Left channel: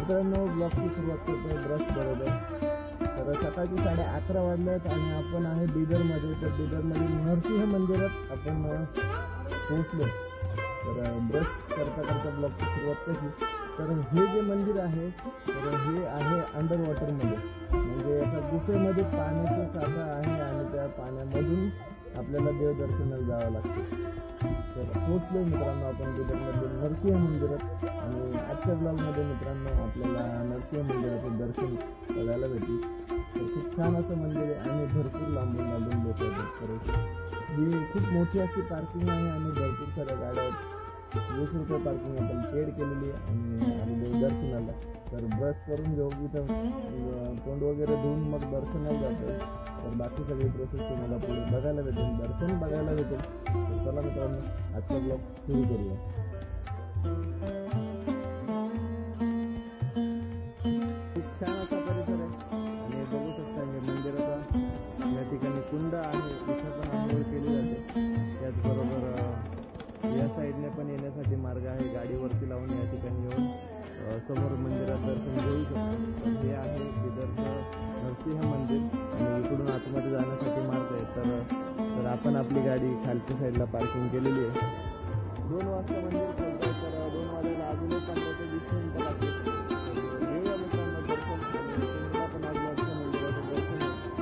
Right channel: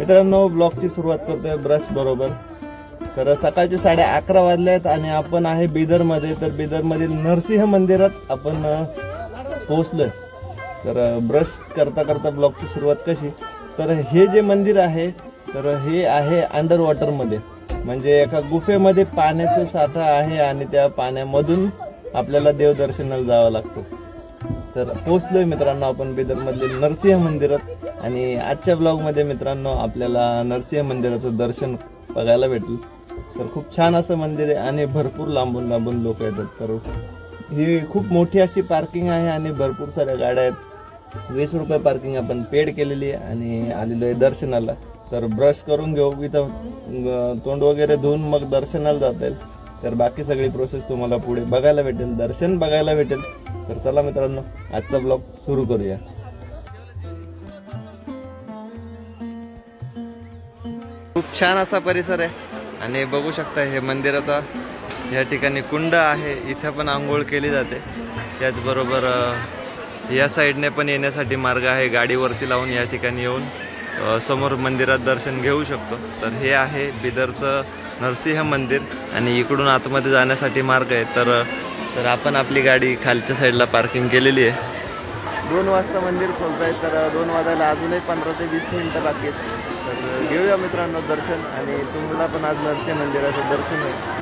मित्रांनो ब्लॉगची सुरुवात करतोय ब्रश बरोबर। तर सकाळचे 11:30 वाजले आहेत आणि आपण आहे बिदरमध्ये। तर बिदरमधील नरसिंह मंदिरात आपण पोहोचलोय। तर ब्रश करता करता ब्लॉगची सुरुवात कशी, तर हे जे मंदिर आहे तर हे आहे अंडर वॉटरमध्ये, म्हणजे एका गुफेमध्ये पाण्याचा साठा आहे आणि त्या पाण्यामधून आपल्याला देवदर्शनाला जावं लागतं। तर पोहोचलोय मित्रांनो आपण बिदरमधील नरसिंह मंदिरात आणि आजच्या ब्लॉगमध्ये मित्रांनो आपल्याला नरसिंह मंदिराचं दर्शन बघायला भेटलं। तर खूप छान असं मंदिर आहे आणि भरपूर लांबून लांबून लोक येतात। तर ही खूप मोठी अशी पार्किंग आहे आणि भरपूर साऱ्या गाड्या आहेत। 20 रुपये पार्किंग आपण पेड केलेली आहे आणि आलेलो आहे दर्शनाला। तर ब्रश करून घेऊ, इथं तोंड वगैरे धुवून मग दर्शनाला जाता येईल। तर बाकी सगळी प्रोसेस तुम्हाला पुढे बघायला भेटेल, दर्शन बघायला भेटेल। तर चला मित्रांनो आजचा ब्लॉग सुरू करूया। खूप छान असा परिसर आहे आणि बघू शकता हे मंदिराचा या ठिकाणी कुंड आहे, इथे पण आंघोळ केली जाते। त्याचबरोबर या साईडने पण येण्यासाठी मार्ग आहे, गाडीवरती लावून या ठिकाणी येऊन समोर मंदिरात दर्शन घेऊ शकतो। तर हे आहे बिदरचं नरसिंह मंदिर आणि इकडून आतमध्ये जाण्यासाठी मार्ग आहे। तर आपण आपली गाडी खालच्या साईडला पार्किंग केलेली आहे। 2 वाजता मंदिर खोलत आहे, तर 2 वाजायला अजूनही 15 ते 20 मिनिटं बाकी आहेत। तर घेऊया मित्रांनो दर्शन आणि तुम्हाला पण आज नरसिंह मंदिराचं दर्शन आहे।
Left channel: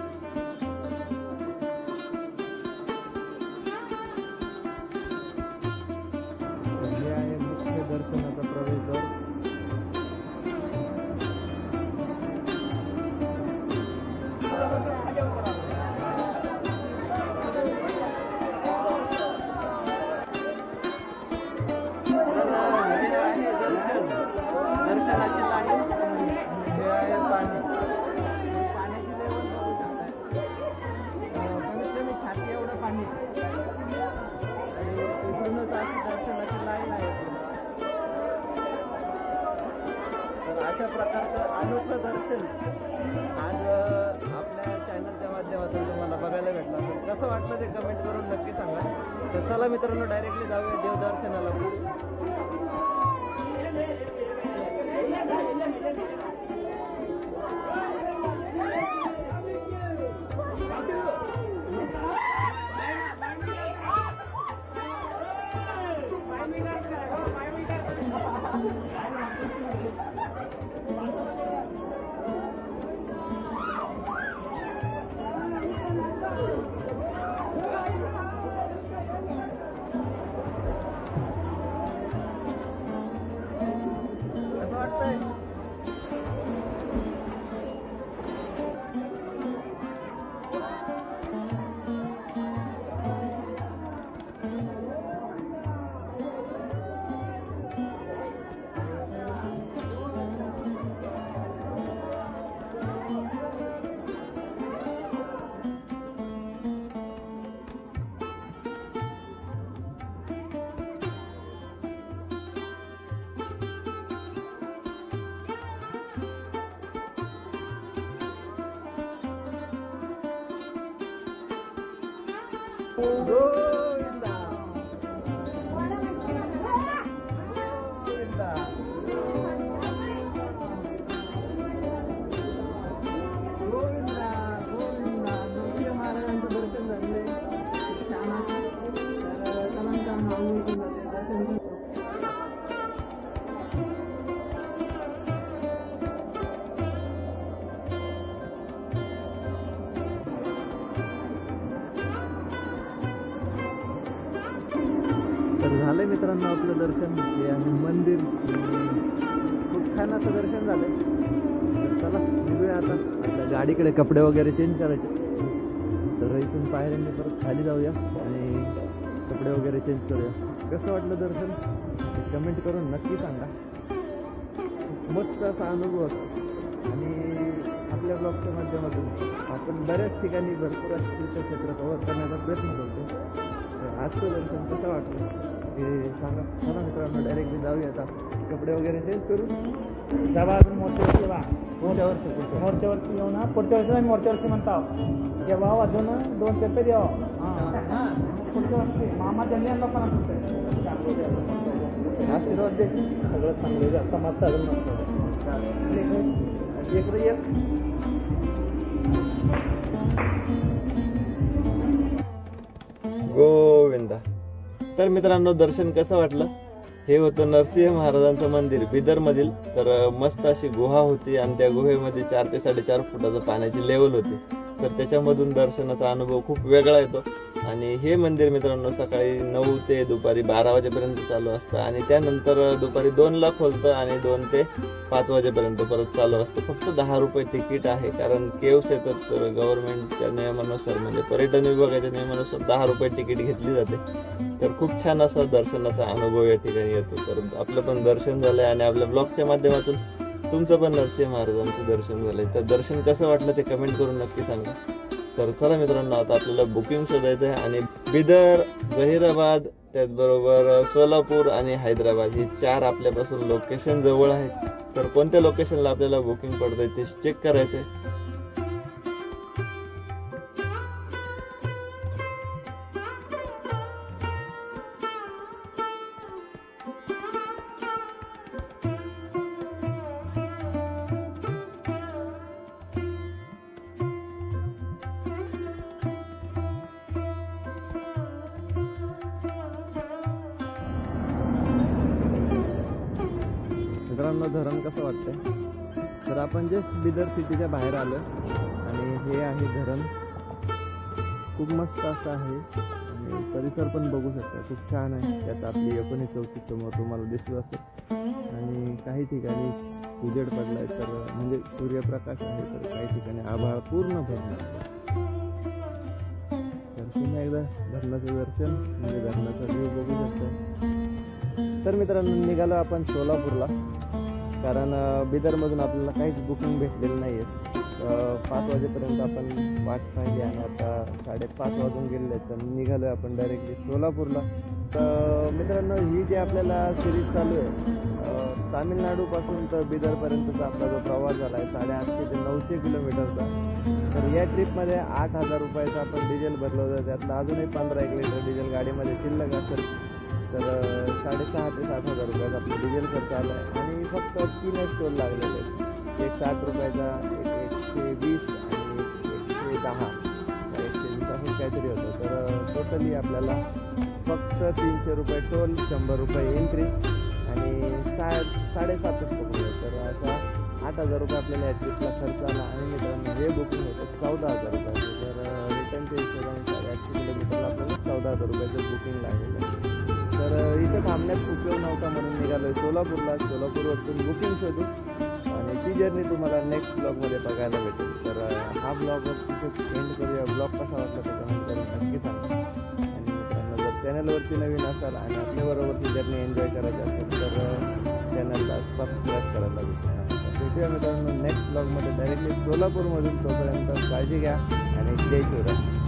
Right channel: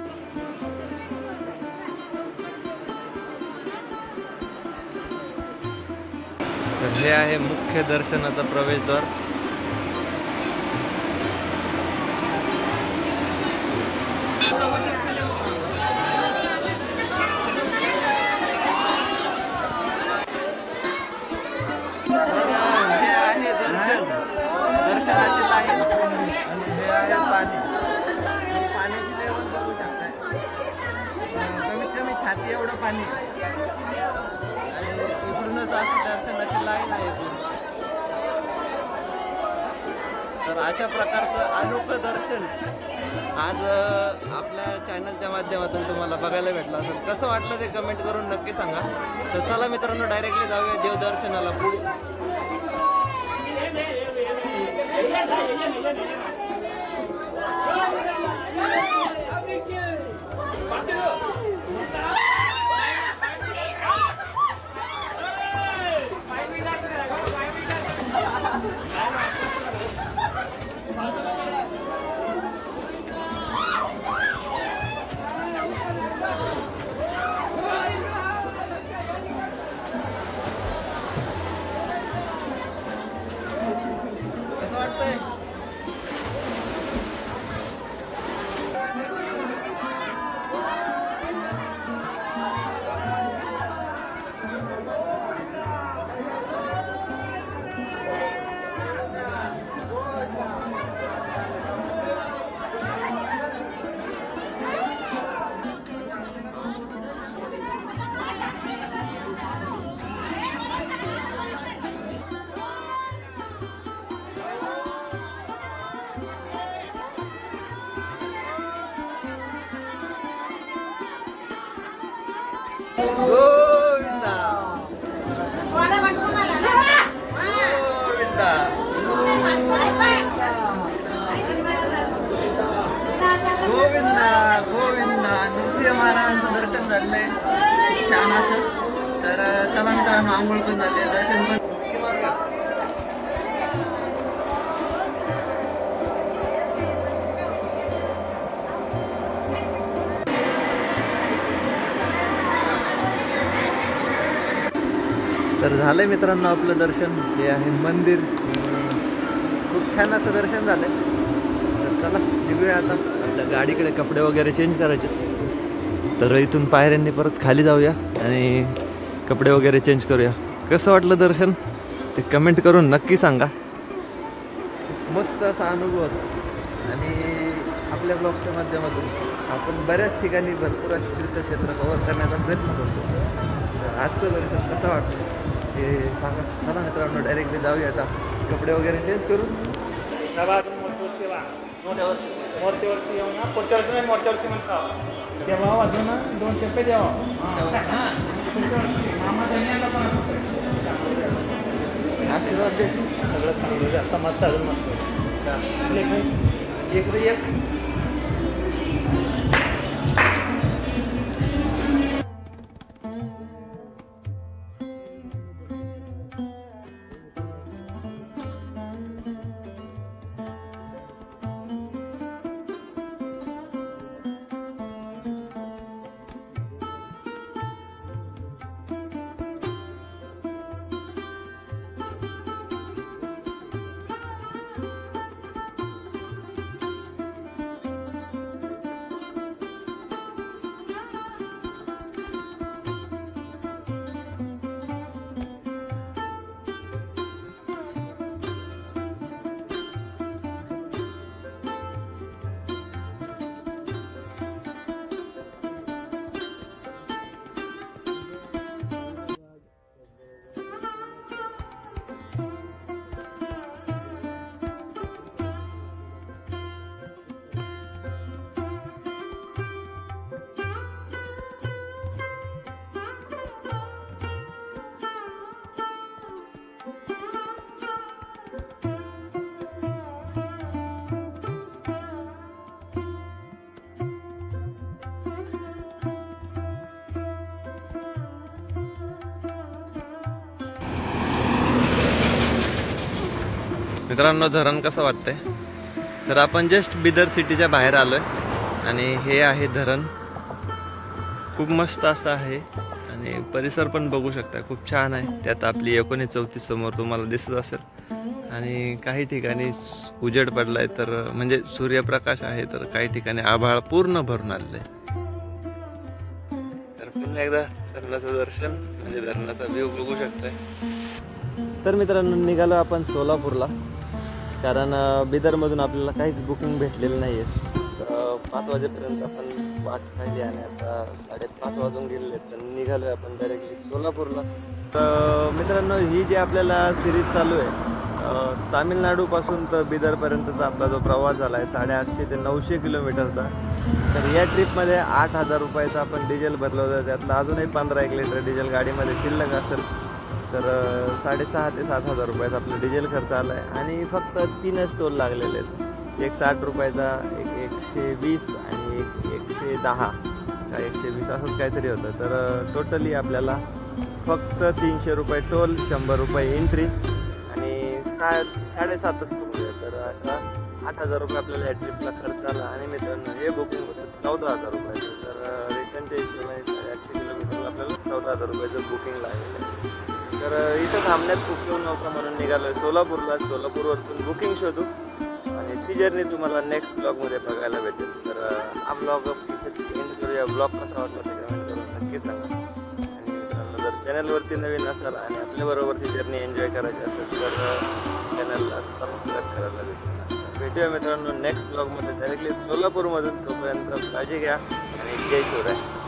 तर हे आहे मुख्य दर्शनाचा प्रवेशद्वार। दर्शनाची लाईन आणि हे आहे पाणी। पाण्याची लेवल बघू शकताय, कमीत कमी छाती एवढं पाणी आणि इकडूनच अशी दर्शनाची लाईन आहे। तर अशा प्रकारचं अनोखं दर्शन आज आपल्या चॅनलच्या माध्यमातून तुम्हाला बघायला भेटलं असेल। कसं वाटलं ते कमेंट करून नक्की सांगा। तर चला मित्रांनो डायरेक्टली जाऊया देवदर्शनाला पुढे। गोविंदा गोविंदा गोविंदा नरसिंह महाराजांचं दर्शन झालंय छान असं। तर चला मित्रांनो आंघोळ पण झाले, दर्शन पण तर झालंय मित्रांनो आपलं दर्शन। हे आहे मंदिर, खूप छान असं दर्शन झालंय। तर चला निघूया आता आपल्या गाडीकडे, कपडे वगैरे चेंज करायचे। तर इथून पायऱ्यांनी परत खाली जाऊया आणि कपडे वगैरे चेंज करूया। कसं वाटलं दर्शन ते कमेंट करून नक्की सांगा। मस्त असा अनुभव होता आणि आपल्या ब्लॉगच्या माध्यमातून आपण बऱ्याच ठिकाणी भरपूर अशी तीर्थक्षेत्र कव्हर करण्याचा प्रयत्न करतो। तर आजचं दर्शन कसं वाटलं ते सांगा। चला मित्रांनो डायरेक्टली जाऊया आता, कपडे वगैरे चेंज करून अजून मोठ्या वर्षी येऊन पुढच्या वर्षी नाही, मोठ्या वर्षी म्हणता जेव्हा अजून 200 रुपये द्यावा। मामा त्यांनी आणला पण आशीर्वाद दे. सगळं चांगलं जास्त मस्त अजून मस्त एक गोविंदा. तर मित्रांनो, दर्शन कसं वाटलं? हे होतं नरसिंह महाराजांचं मंदिर बिदर मधील. तर मस्त अशी गुहा होती आणि त्या गुहेमध्ये 4 ते 4.5 फुटाचं पाण्याची लेवल होती. तर त्याच्यामधून दर्शनाचा अनुभव खूप वेगळा येतो. आणि हे मंदिर मित्रांनो सकाळी 9 ते दुपारी 12 वाजेपर्यंत चालू असतं आणि त्यानंतर दुपारी 2ला खोलतं आणि 2 ते 5 वाजेपर्यंत परत चालू असतं. फक्त 10 रुपये तिकीट आहे, कारण केव्स येतात गव्हर्नमेंटच्या नियमानुसार, म्हणजे पर्यटन विभागाच्या नियमानुसार 10 रुपये तिकीट घेतली जाते. तर खूप छान असा दर्शनाचा अनुभव या ठिकाणी येतो. तर आपलं पण दर्शन झालंय आणि आपल्या ब्लॉगच्या माध्यमातून तुमचं पण नरसिंह महाराजांचं दर्शन झालंय. तर दर्शन कसं वाटलं ते कमेंट करून नक्की सांगा. तर चला मित्रांनो, आता आपल्याला बुकिंग शोधायचं आहे आणि बिदर, जहीराबाद, त्याचबरोबर सोलापूर आणि हैदराबाद ही 4 आपल्यापासून लोकेशन जवळ आहे. तर कोणत्या लोकेशनला आपल्याला बुकिंग पडतंय ते चेक करायचंय. मित्रांनो, धरण कसं वाटतंय? तर आपण जस्ट बिदर सिटीच्या बाहेर आलोय आणि हे आहे धरण. खूप मस्त असं आहे आणि परिसर पण बघू शकता, खूप छान आहे. त्यात आपली 1934 समोर तुम्हाला दिसत असेल आणि काही ठिकाणी उजेड पडलाय, तर म्हणजे सूर्यप्रकाश आहे. तर काही ठिकाणी आभाळ पूर्ण भरून आलेलं आहे. तर पुन्हा एकदा धरणाचं दर्शन, म्हणजे धरणाचा व्ह्यू बघू शकताय. तर मित्रांनो, निघालो आपण सोलापूरला, कारण बिदरमधून आपल्याला काहीच बुकिंग भेटलेलं नाही आहे. 5 वाजेपर्यंत आपण वाट पाहिली आणि आता 5:30 वाजून गेलेले आहेत. तर निघालो आहे आपण डायरेक्टली सोलापूरला. तर मित्रांनो, ही जी आपल्याला सिरीज चालू आहे तामिळनाडूपासून तर बिदरपर्यंतचा आपला जो प्रवास झाला आहे 850 ते 900 किलोमीटरचा. तर या ट्रिपमध्ये 8,000 रुपयाचं आपण डिझेल भरलं होतं. त्यातलं अजूनही 15-1 लिटर डिझेल गाडीमध्ये शिल्लक असेल. तर 6,500 ते 7,000 रुपयाचा आपलं डिझेल खर्च आला आहे आणि फक्त 3च टोल लागलेले आहेत. एक 60 रुपयाचा, एक 120 आणि एक 110 का 120 असंच काहीतरी होतं. तर टोटली आपल्याला फक्त 300 रुपये टोल, 100 रुपये एंट्री आणि 7.5च कमी. तर असा 8,000 रुपये आपल्याला या ट्रिपला खर्च आला. आणि मित्रांनो, हे बुकिंग होतं 14,000 रुपयाचं. तर रिटर्नच्या हिशोबाने 850 किलोमीटरला आपल्याला 14,000 रुपयाचं बुकिंग लागलेलं आहे. तर इथं थांबण्यात उपयोग नव्हता म्हणून निघालो आहे सोलापूरला. सोलापूरवरून बुकिंग शोधू आणि ती जर्नी तुम्हाला नेक्स्ट ब्लॉगमध्ये बघायला भेटेल. तर हा ब्लॉग तिथेच एंड करूया. ब्लॉग कसा वाटला ते कमेंट करून नक्की सांगा. आणि मित्रांनो, जर चॅनलवरती नवीन असाल आणि आपल्याबरोबर ती जर्नी एन्जॉय करायची असेल तर चॅनलला सबस्क्राईब करायला विसरू नका. भेटूया मित्रांनो नेक्स्ट ब्लॉगमध्ये डायरेक्टली सोलापूरमधून. तोपर्यंत काळजी घ्या आणि जय शिवराय.